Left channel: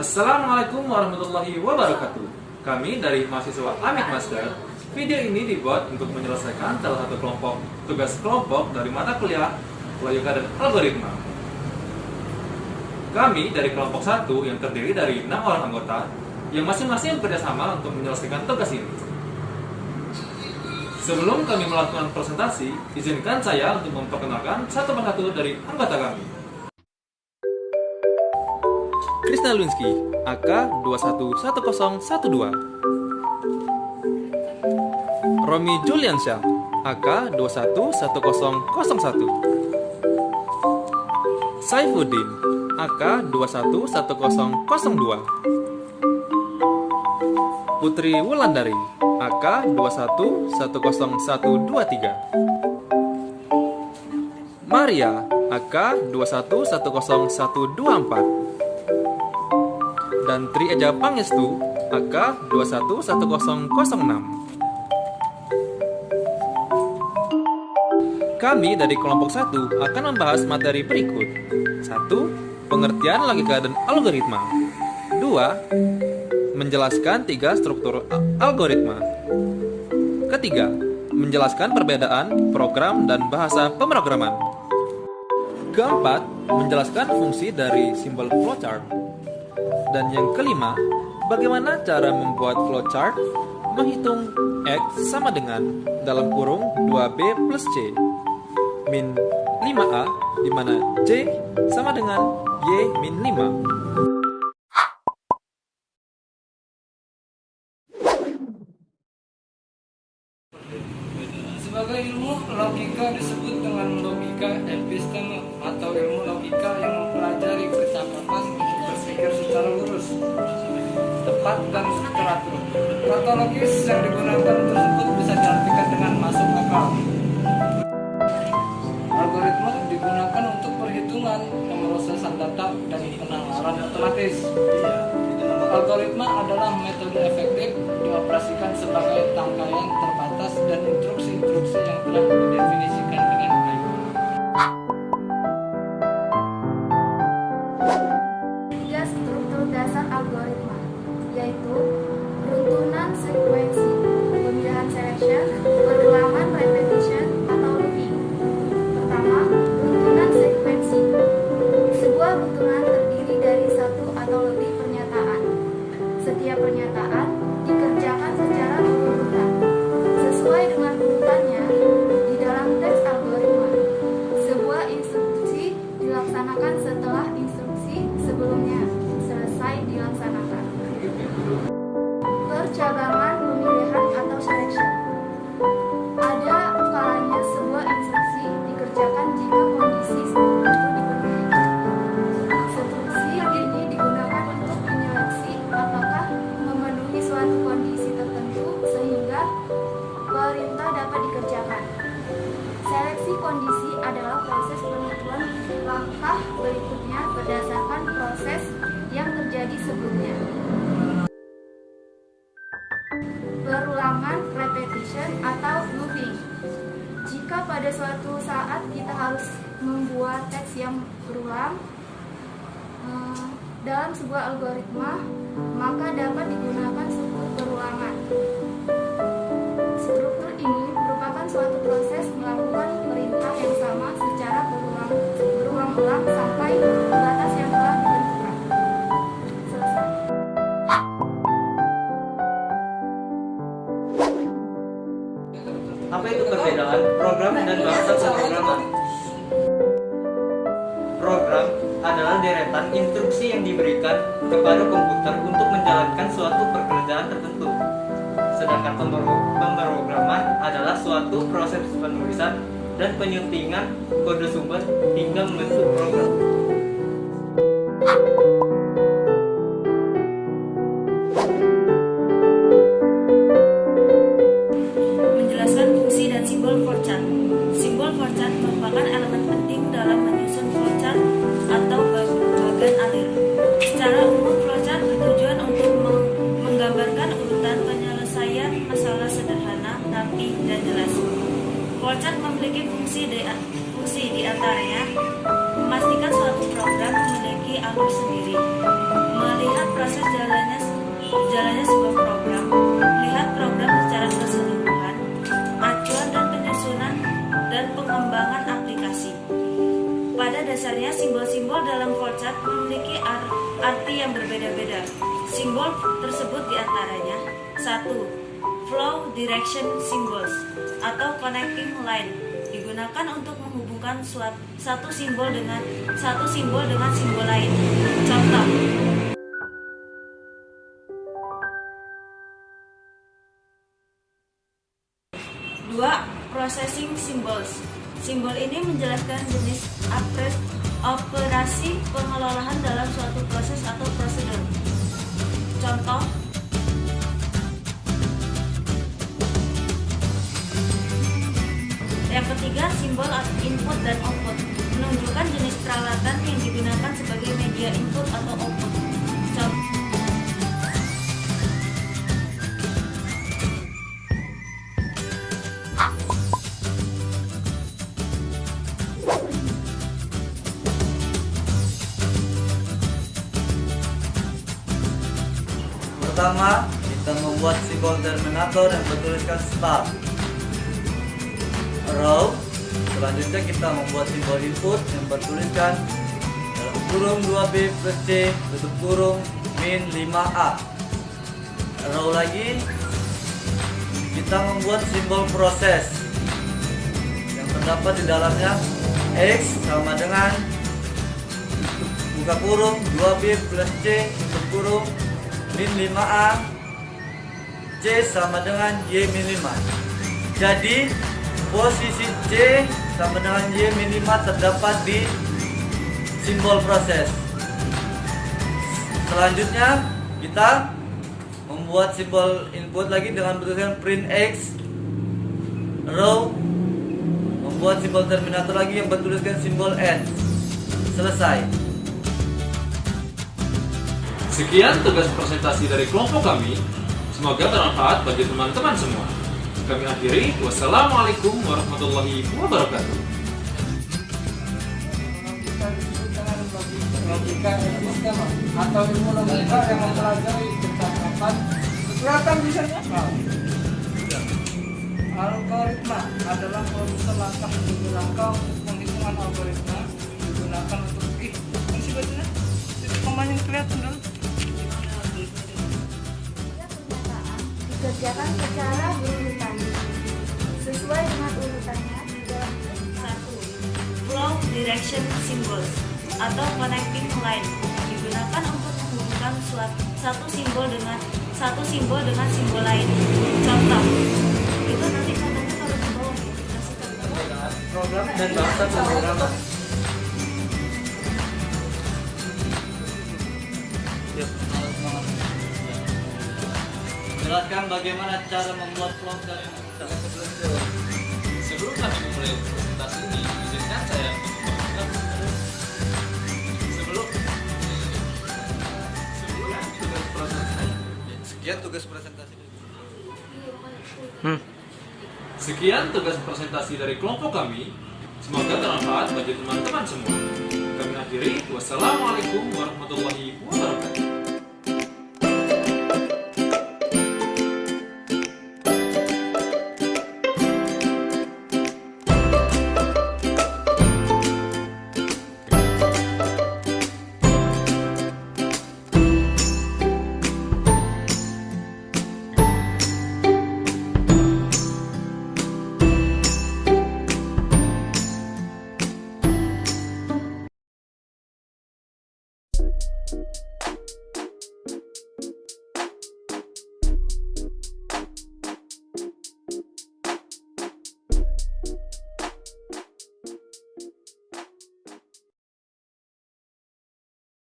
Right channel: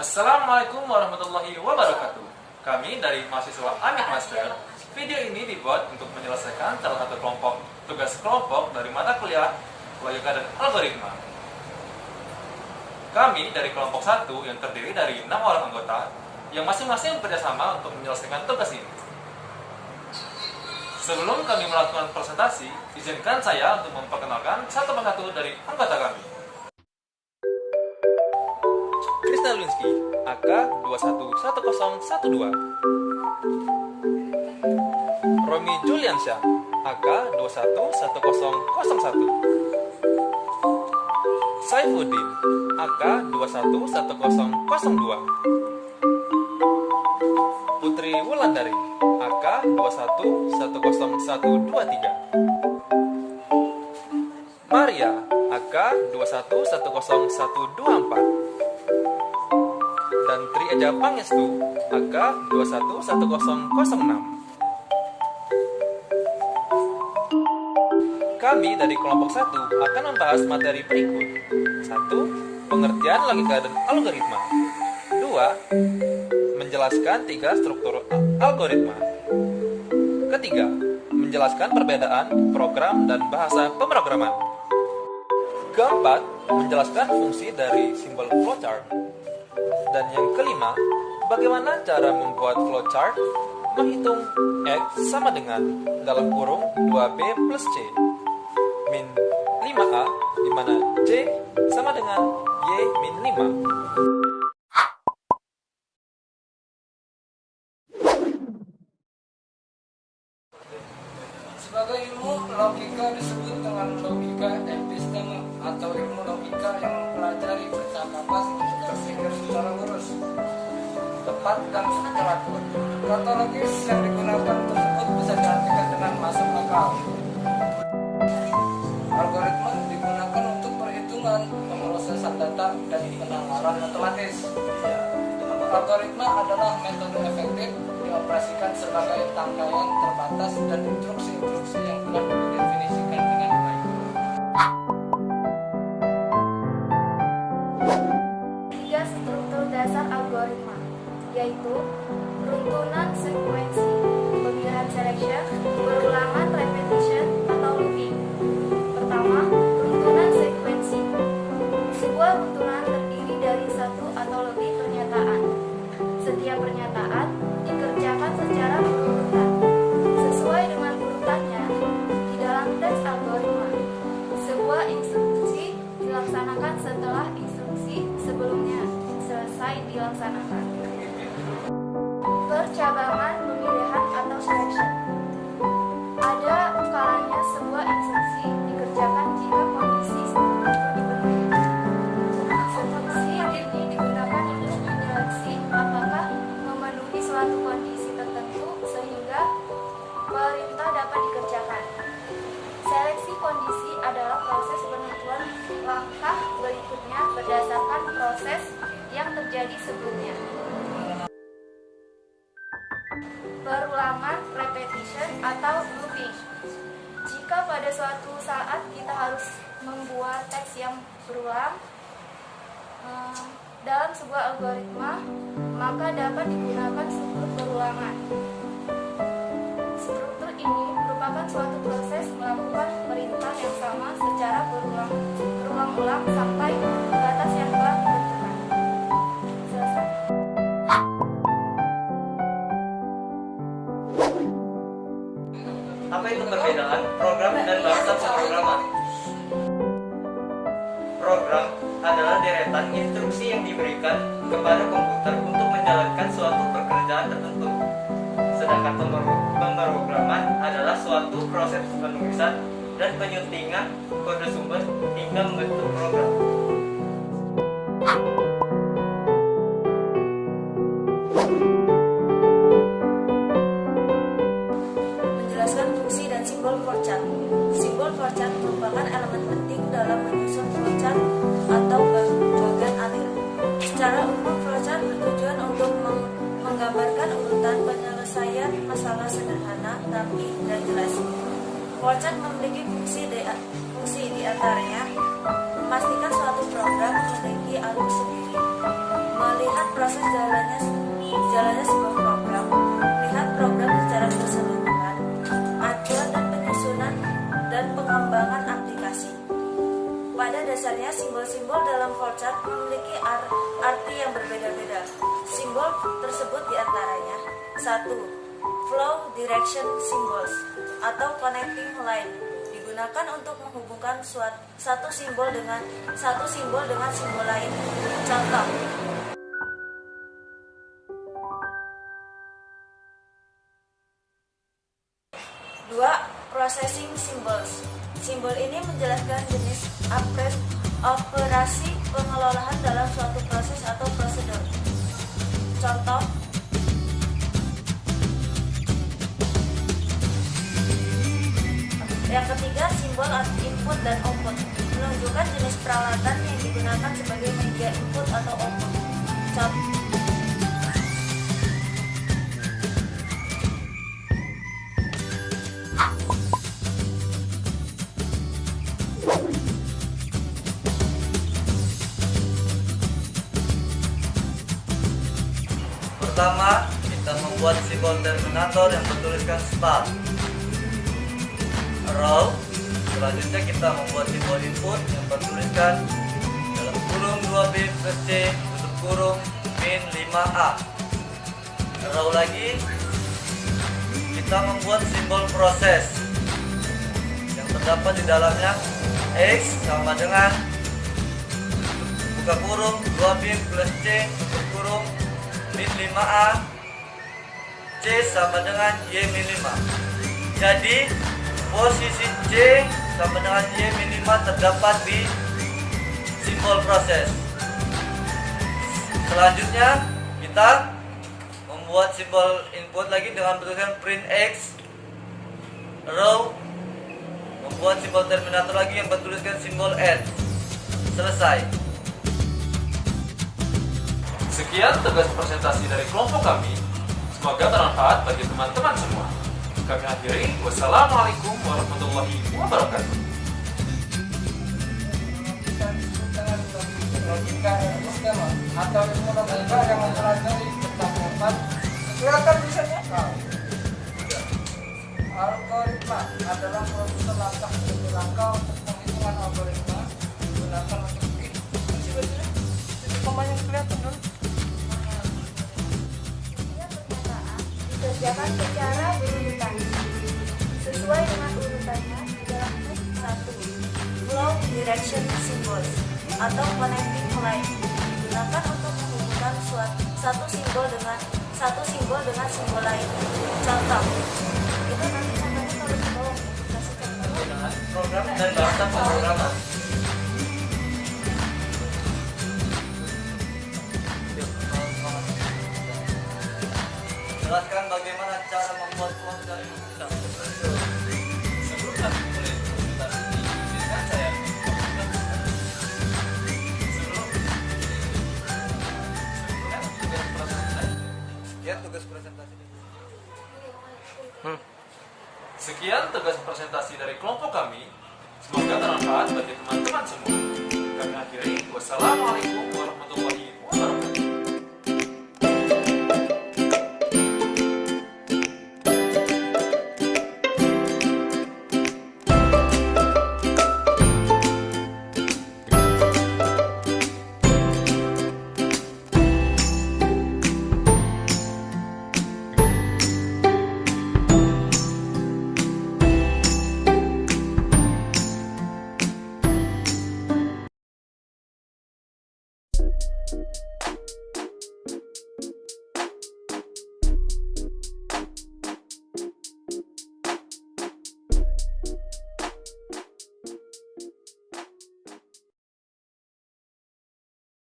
Assalamualaikum warahmatullahi wabarakatuh. Kami dari mahasiswa Amik Master. Video ini dibuat untuk menyelesaikan salah satu tugas kelompok dari mata kuliah logika dan algoritma. Kami dari kelompok 1 yang terdiri dari 6 orang anggota yang masing-masing bekerjasama untuk menyelesaikan tugas ini. Sebelum kami melakukan presentasi, izinkan saya untuk memperkenalkan satu persatu dari anggota kami. Krisna Lunsky, AK 211012. Romi Juliansyah, AK 211001. Saifuddin, AK 211002. Putri Wulandari, AK 211023. Maria, AK 211024. Dan Tri Eja Pangestu, AK 211006. Kami dari kelompok 1 akan membahas materi berikut. 1. Pengertian logika dan algoritma. 2. Menjelaskan 3 struktur algoritma. Ketiga, menjelaskan perbedaan program dan bahasa pemrograman. Keempat, menjelaskan fungsi dari simbol flowchart. Dan yang kelima, bagaimana cara membuat flowchart menghitung X sama dengan dalam kurung 2B plus C min 5A, di mana C sama dengan Y min 5. Sebagai ilmu logika disebut dengan logika episteme atau ilmu logika yang mempelajari kecakapan untuk berpikir secara lurus, tepat dan teratur. Kata logis yang digunakan tersebut bisa diartikan dengan masuk akal. Algoritma digunakan untuk perhitungan, pemrosesan data, dan penalaran otomatis. Algoritma adalah metode efektif dioperasikan sebagai tangkaian terbatas dan instruksi-instruksi yang telah didefinisikan dengan baik. Tiga struktur dasar algoritma, yaitu runtunan sekuensi, pemilihan selection, perulangan repetition, atau looping. Pertama, runtunan sekuensi. Sebuah runtunan terdiri dari satu atau lebih pernyataan. Setiap pernyataan dikerjakan secara berurutan, sesuai dengan urutannya di dalam teks algoritma. Sebuah instruksi dilaksanakan setelah instruksi sebelumnya selesai dilaksanakan. Percabangan pemilihan atau selection. Ada kalanya sebuah instruksi dikerjakan jika kondisi tertentu dipenuhi. Instruksi ini digunakan untuk menyeleksi apakah memenuhi suatu kondisi tertentu sehingga perintah dapat dikerjakan. Seleksi kondisi adalah proses penentuan langkah berikutnya berdasarkan proses yang terjadi sebelumnya. Perulangan repetition atau looping. Jika pada suatu saat kita harus membuat teks yang berulang dalam sebuah algoritma, maka dapat digunakan struktur perulangan. Struktur ini merupakan suatu proses melakukan perintah yang sama secara berulang-ulang sampai batas yang telah ditentukan. Selesai. Apa itu perbedaan program dan bahasa pemrograman? Program adalah deretan instruksi yang diberikan kepada komputer untuk menjalankan suatu pekerjaan tertentu. Sedangkan pemrograman adalah suatu proses penulisan dan penyuntingan kode sumber hingga membentuk program. Menjelaskan fungsi dan simbol flowchart. Simbol flowchart merupakan elemen penting dalam menyusun flowchart atau bagan alir. Secara umum, flowchart bertujuan untuk menggambarkan urutan penyelesaian masalah sederhana, rapi, dan jelas. Flowchart memiliki fungsi di antaranya memastikan suatu program memiliki alur sendiri, melihat proses jalannya sebuah program, melihat program secara keseluruhan, acuan dan penyusunan dan pengembangan aplikasi. Pada dasarnya, simbol-simbol dalam flowchart memiliki arti yang berbeda-beda. Simbol tersebut diantaranya: 1. Flow direction symbols atau connecting line, digunakan untuk menghubungkan satu simbol dengan simbol lain. Contoh: 2. Processing symbols. Simbol ini menjelaskan jenis operasi pengelolaan dalam suatu proses atau prosedur. Contoh: yang ketiga, simbol input dan output, menunjukkan jenis peralatan yang digunakan sebagai media input atau output. Contoh: pertama, kita membuat simbol terminator yang bertuliskan start. Row. Selanjutnya kita membuat simbol input yang bertuliskan dalam kurung 2B plus C tutup kurung min 5A. Row lagi, kita membuat simbol proses yang terdapat di dalamnya X sama dengan buka kurung 2B plus C tutup kurung min 5A, C sama dengan Y min 5. Jadi posisi C sama dengan Y min 5 terdapat di simbol proses. Selanjutnya kita membuat simbol input lagi dengan bertuliskan print X. Row, membuat simbol terminator lagi yang bertuliskan simbol N. Selesai. Sekian tugas presentasi dari kelompok kami. Semoga bermanfaat bagi teman-teman semua. Kami akhiri. Wassalamualaikum warahmatullahi wabarakatuh. Logika disebut dengan logika epistema atau ilmu logika yang mempelajari percakapan. Silakan bisa nyakal. Algoritma adalah proses langkah demi langkah untuk penghitungan algoritma digunakan untuk masih bacanya titik komanya kelihatan dong. Dikerjakan secara berurutan sesuai dengan urutannya di dalam 1. Flow direction symbols atau connecting line, digunakan untuk menghubungkan satu simbol dengan simbol lain. Contoh: itu nanti contohnya kalau di bawah kasih contoh. Program dan bahasa pemrograman. Jelaskan bagaimana cara membuat flowchart. Sebelum kami memulai presentasi ini, izinkan saya Sekian tugas presentasi. Sekian tugas presentasi dari kelompok kami. Semoga bermanfaat bagi teman-teman semua. Kami akhiri. Wassalamualaikum warahmatullahi wabarakatuh.